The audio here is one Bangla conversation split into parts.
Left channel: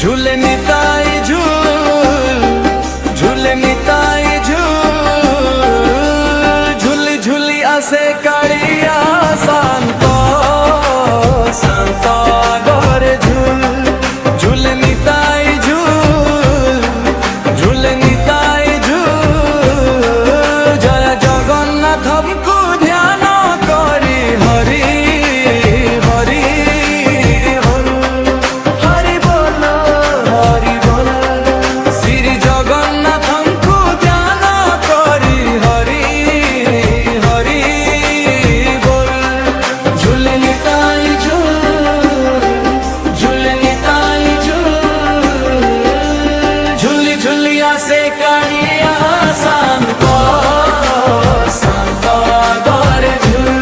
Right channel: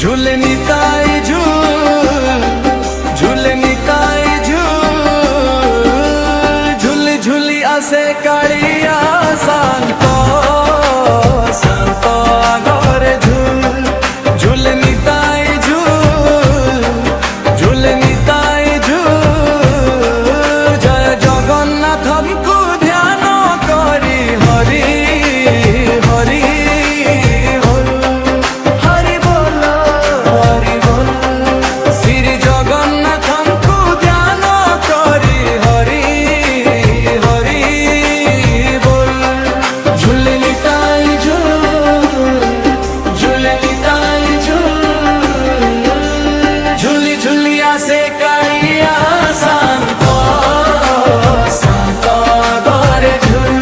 ঝুলে নিতাই ঝুল, ঝুলে নিতাই ঝুল, ঝুলি ঝুলি আসে কাড়িয়া শান্ত, শান্ত আগরে ঝুল, ঝুলে নিতাই ঝুল, ঝুলে নিতাই ঝুল। জয় জগন্নাথଙ୍କୁ ধ্যান করি হরি হরি হল, হরি বল হরি বল। শ্রী জগন্নাথଙ୍କୁ ধ্যান করি হরি হরি বল। ঝুলে নিতাই ঝুল, ঝুলে নিতাই ঝুল, ঝুলি ঝুলি আসে কাড়িয়া শান্ত, শান্ত আগরে ঝুল,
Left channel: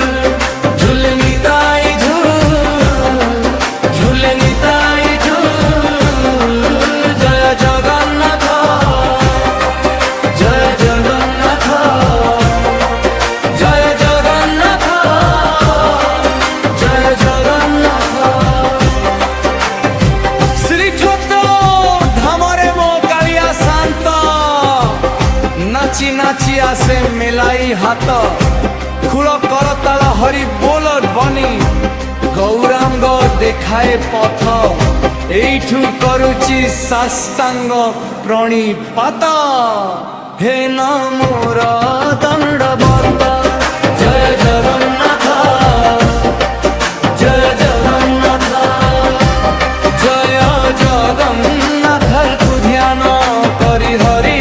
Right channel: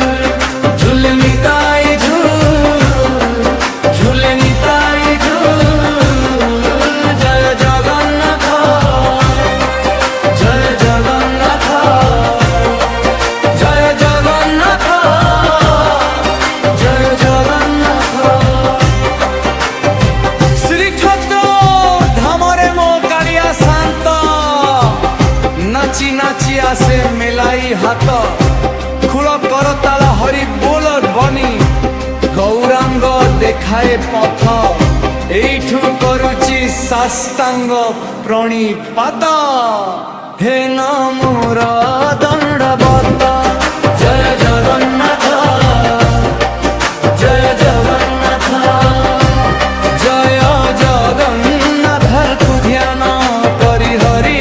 ঝুলে নিতাই ঝুল, ঝুলে নিতাই ঝুল। জয় জগন্নাথ, জয় জগন্নাথ, জয় জগন্নাথ, জয় জগন্নাথ। শ্রীক্ষেত্র ধামরে মো কাଳିଆ শান্ত, নাচি নাচি আসে মেলাই হাত, খুড় করতাল হরি ବୋଲ ଧ୍ୱନି, গৌরাঙ্গ দেখায়ে পথ, এইঠু করুচি সাষ্টাঙ্গ প্রণিপাত। হে নমোর দণ্ডবত। জয় জগন্নাথ, জয় জগন্নাথ, জয় জগন্নাথଙ୍କୁ ধ্যান করি হরি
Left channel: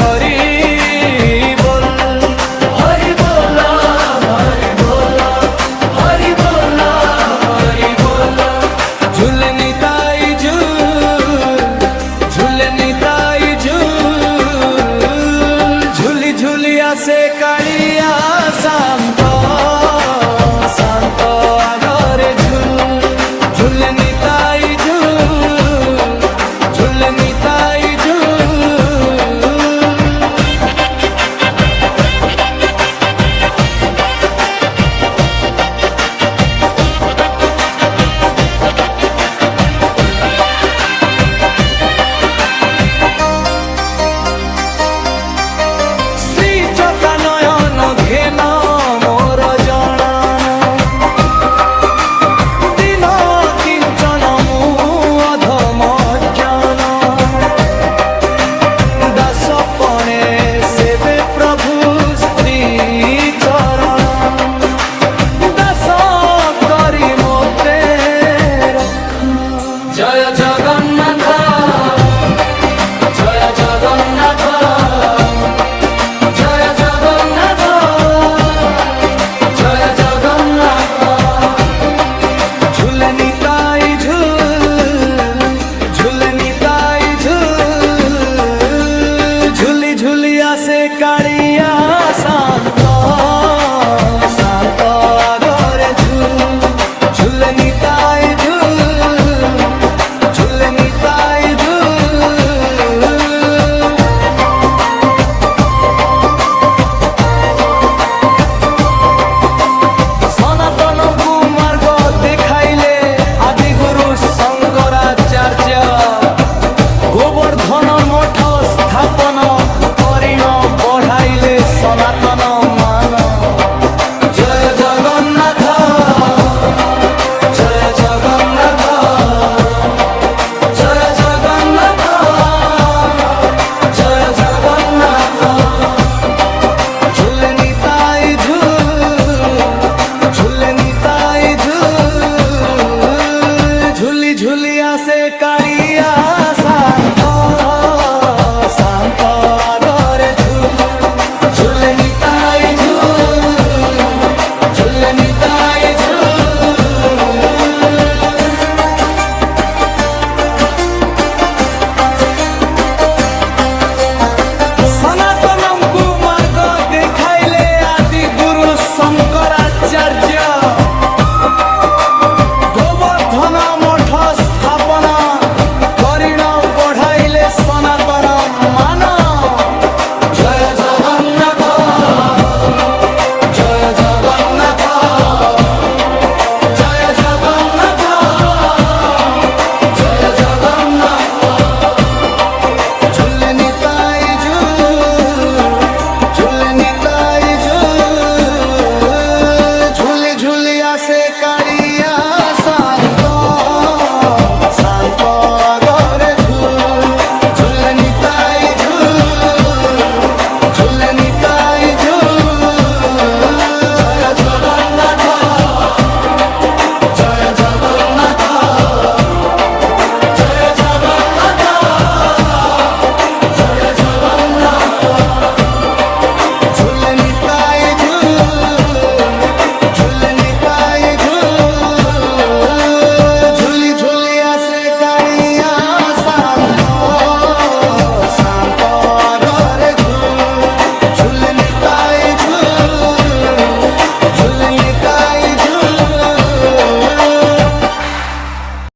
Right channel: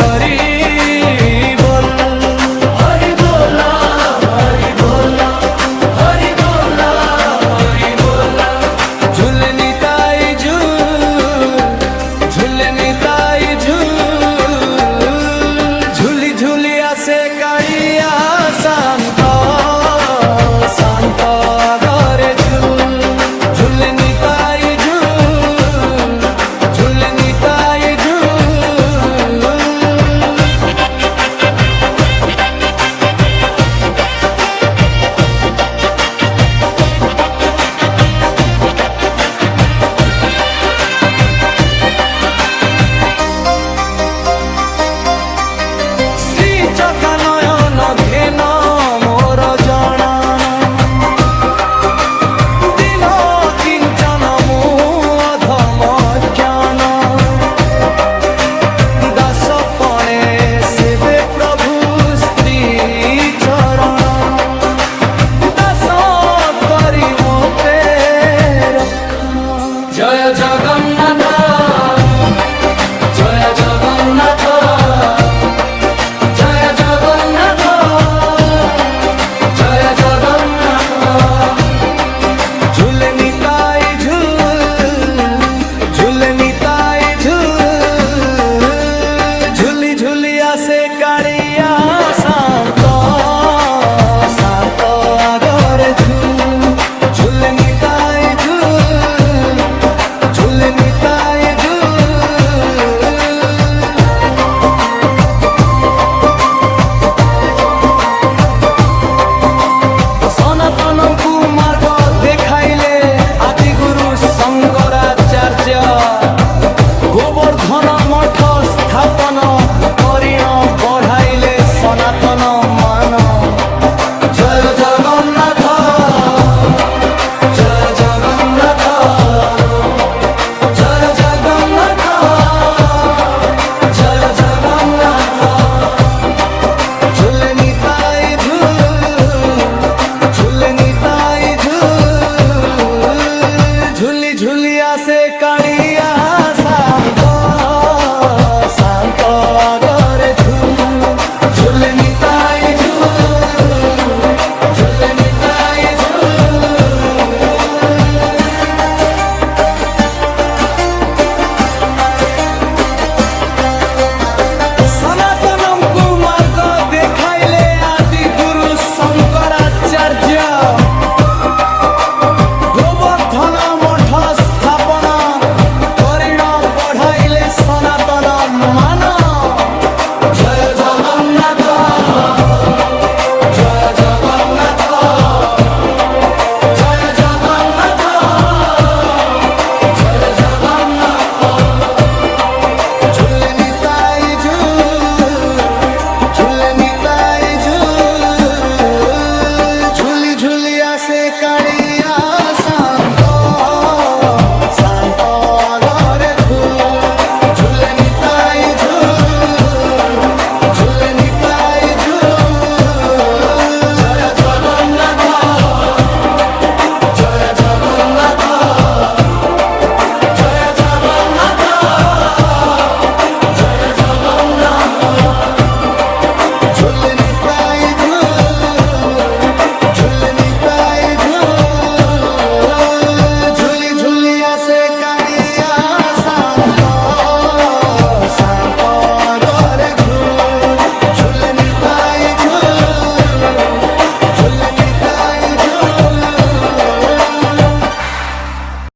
হরি বল, হরি বল হরি বল, হরি বল হরি বল। ঝুলে নিতাই ঝুল, ঝুলে নিতাই ঝুল, ঝুলি ঝুলি আসে কাড়িয়া শান্ত, শান্ত আগরে ঝুল, ঝুলে নিতাই ঝুল, ঝুলে নিতাই ঝুল। শ্রী চকানয়ন ঘেন মোর জনান, দিন কিঞ্চন মু অধম জ্ঞান, দাস পণে সেবে প্রভু স্ত্রী চরণ, দাস করি মোতে রক্ষ। জয় জগন্নাথ, জয় জগন্নাথ, জয় জগন্নাথ, জয় জগন্নাথ। ঝুলে নিতাই ঝুল, ঝুলে নিতাই ঝুল, ঝুলি ঝুলি আসে কাড়িয়া শান্ত, শান্ত আগরে ঝুল, ঝুলে নিতাই ঝুল, ঝুলে নিতাই ঝুল। সনাতনଙ୍କୁ মার্গ দেখাইলে আদিগুরু শঙ্করাচার্য, গোবর্ধন মঠ স্থাপন করিণ বঢ়াইলে সনাতন মান। জয় জগন্নাথ, জয় জগন্নাথ, জয় জগন্নাথ, জয় জগন্নাথ। ঝুলে নিতাই ঝুল, ঝুলে নিতাই ঝুল, ঝুলি ঝুলি আসে কাড়িয়া শান্ত, শান্ত আগরে ঝুল, ঝুলে নিতাই ঝুল, ঝুলে নিতাই ঝুল। সনাতনଙ୍କୁ মার্গ দেখাইলে আদি গুরু শঙ্করাচার্য, গোবর্ধন মঠ স্থাপন করিণ বঢ়াইলে সনাতন মান। জয় জগন্নাথ, জয় জগন্নাথ, জয় জগন্নাথ, জয় জগন্নাথ। দিয়া সান